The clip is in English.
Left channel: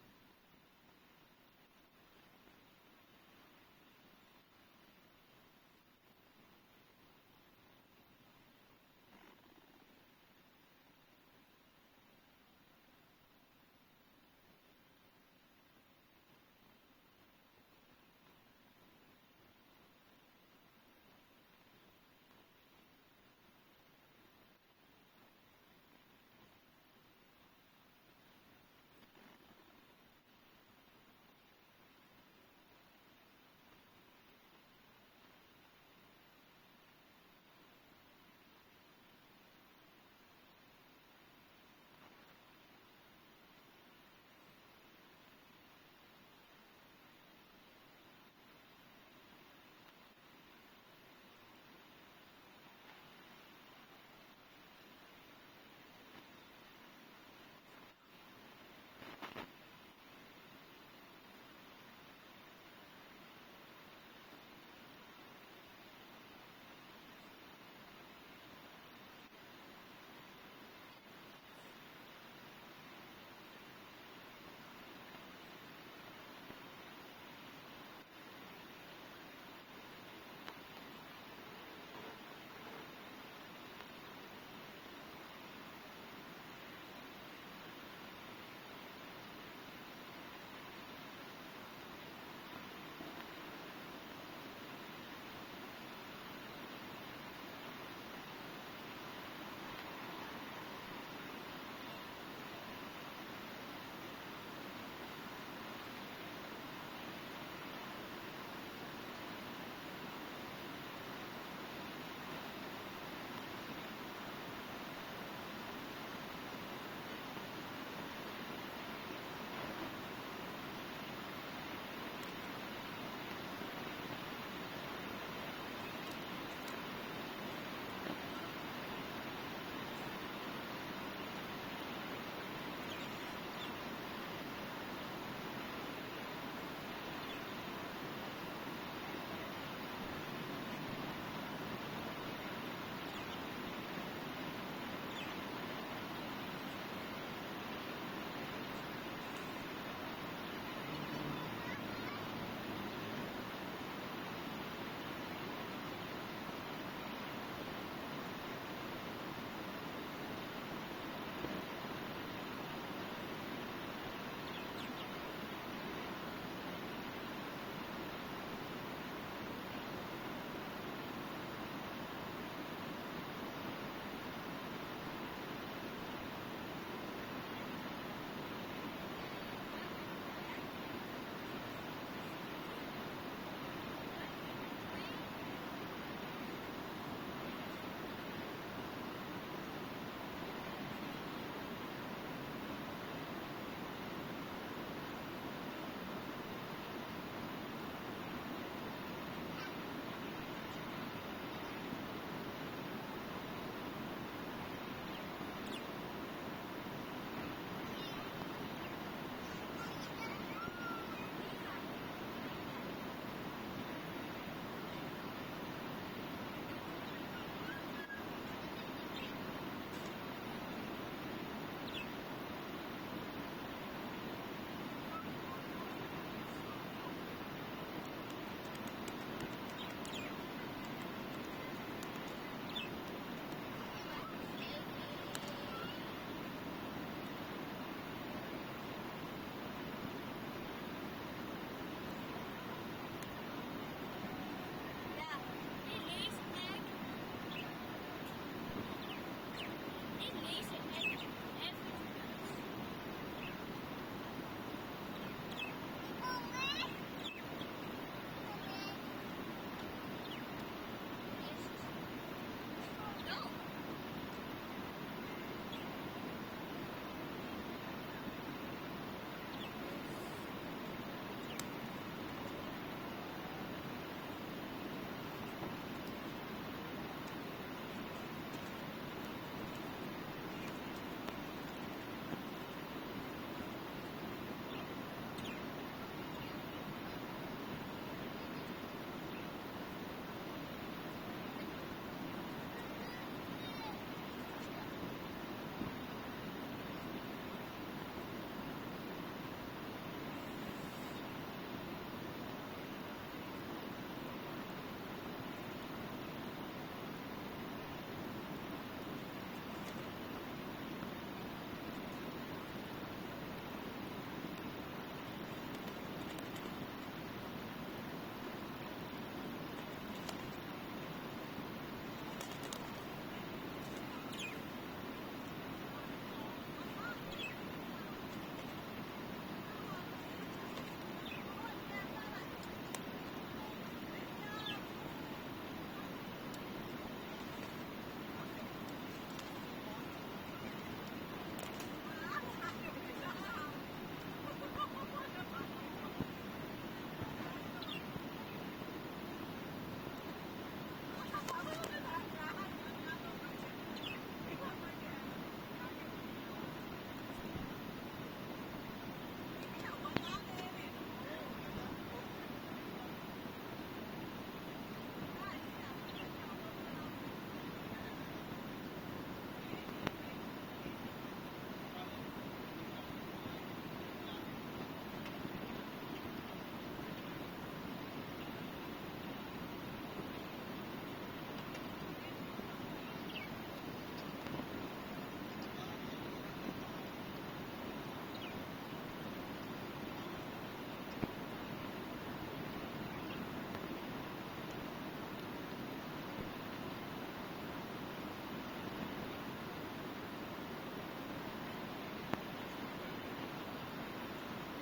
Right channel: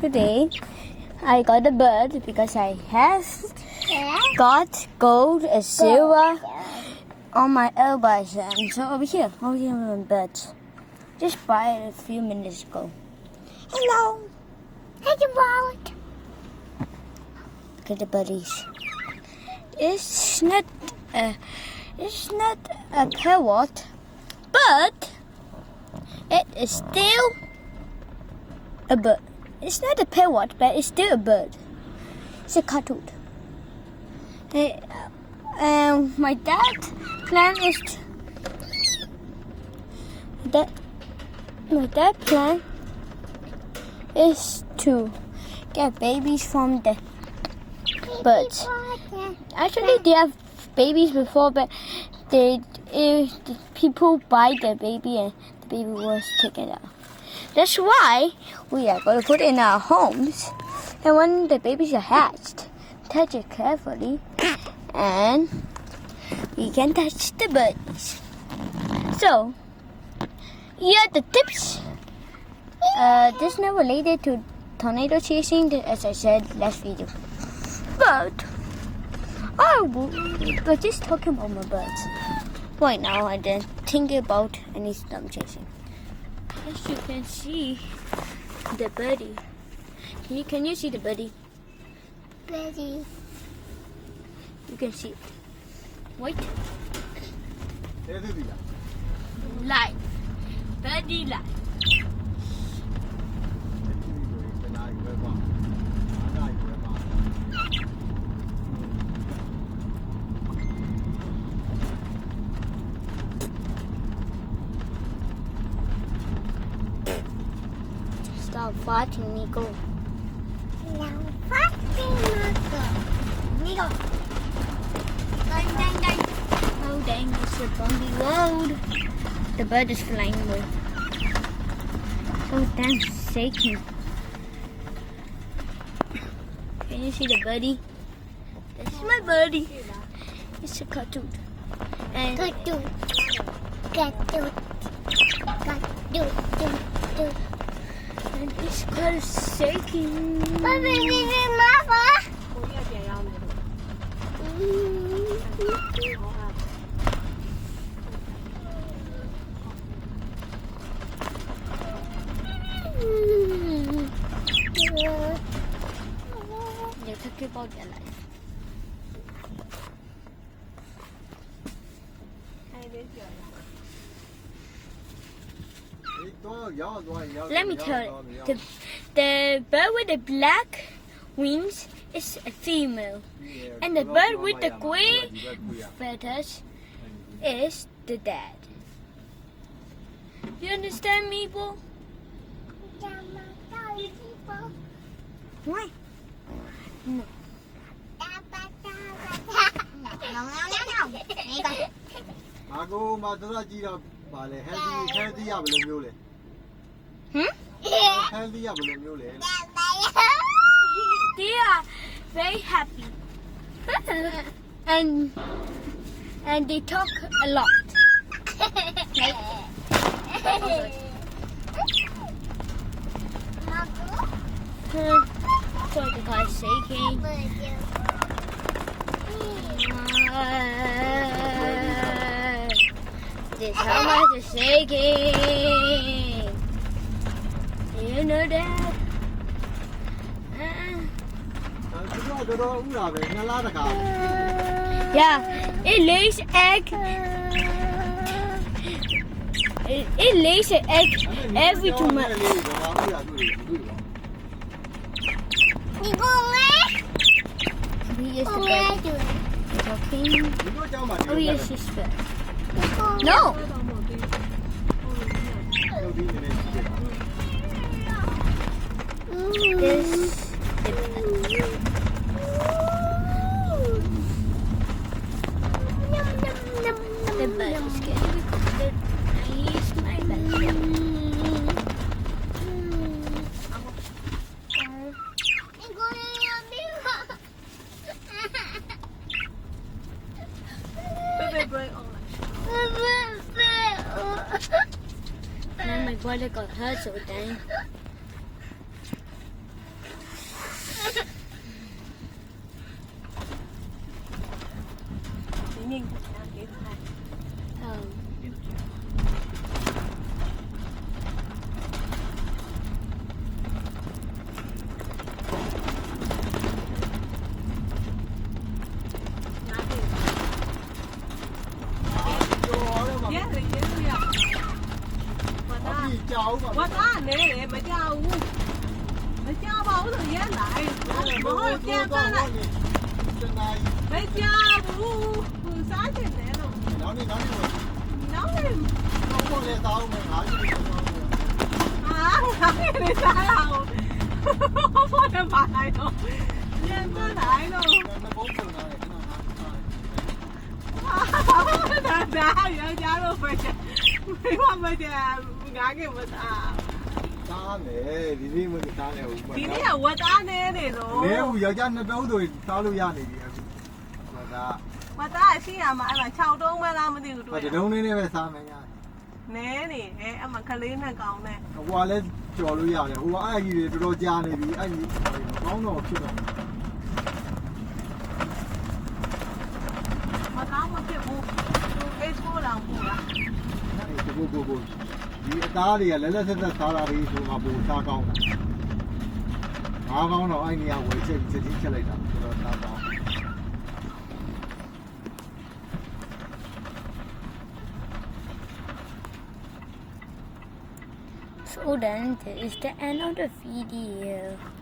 Today I got a bird because I have got gold and silver on my elbows. And so over here are birds. Just by a few minutes ago. Hello. Hello, bird. Look at the buddies. It's not a parrot, but it is still a bird. It's not a parrot, but it's still a bird. It's a cartoon. My dad's plan is to get babies from the birds. Actually, they have babies before, but the people buy the baby and the baby was taken out. That's why we are going to put it in our homes. And when the babies are hatched, touch it carefully and we can touch the birds. So, here are the tips. This is not related to tornado chasing, as I said last video. But we're just talking about my birds right now and then thinking about any storm chasing. As you can see, the birdie. Can you see the birdie? Birdie. You can see it. Wait. Light. Birdie light. Stop fighting, Nico. No fighting, Nico. Nico. Dang. Oh, dang, it's a bumpy road. The bird is flying away. So damn shaking. Can you see the birdie? That's my birdie. It's a cartoon. And cartoon. And it's kind of shaking. They're talking about their life. Let me tell you, the bird with the black wings is a female, and the bird with the gray feathers is the dad. You understand me, Bo? Why? No. They are very happy. and they talk a lot. So the guy's shaking. This how much is shaking. You know that? Yeah, it lays egg. It lays an egg every 2 months. He is the bird. Talking. Oh, yes, he's bird. No. This. The bird is scared. He's my best friend. Now my brother got hurt so dang. ပြန်ပတ်လိုက်မကြောက်ဘူးစားချင်တယ်လို့နောက်နေဟာငါနေစားလာဘူးဘာလဲပါလိုက်တော့ပြန်ပတ်လိုက်တော့ဒါရကြတော့ပဲမိမမကြငါကမစား သားတယ်ဒီနေ့မသားတယ်ဟုတ်ပါ ဒီနေ့ကဝတ်သားနေတယ်လို့ လဲဦးယောက်ျားနှစ်တုံးဆိုသားလို့ရနေပြီအခုဟောဒါ ဝတ်သားရှိရမှာအဲ့မှာ6တုံးပဲလားမသိဘူးတွေ့ ဒီတုံးလေးနဲ့ပဲစားမယ်ညာ နဲနေအဲ့မှာကလေးနဲ့ကောင်းနဲ့ ဟိုကလည်းကြော်လို့ရတယ်ဟိုကအဲ့ကြီးတွေတော်တော်ကြာနေပြီအဲ့ကြီးကောင်းတော့ဖြစ်တော့ မကောင်းမဖြစ်ဘူးအေးထိုးလောင်ဘူးလား ကိုဒီအသားတွေကလဲလဲဆက်ဆက်စားတာတွေဆိုမှပိုစားကောင်းတာငါးကောင်းတော့အဲ့နေရာဝယ်ချက်ချက်ချင်းချက်လိုက်တာတော်တော်စားကောင်း So then this is the end of the video.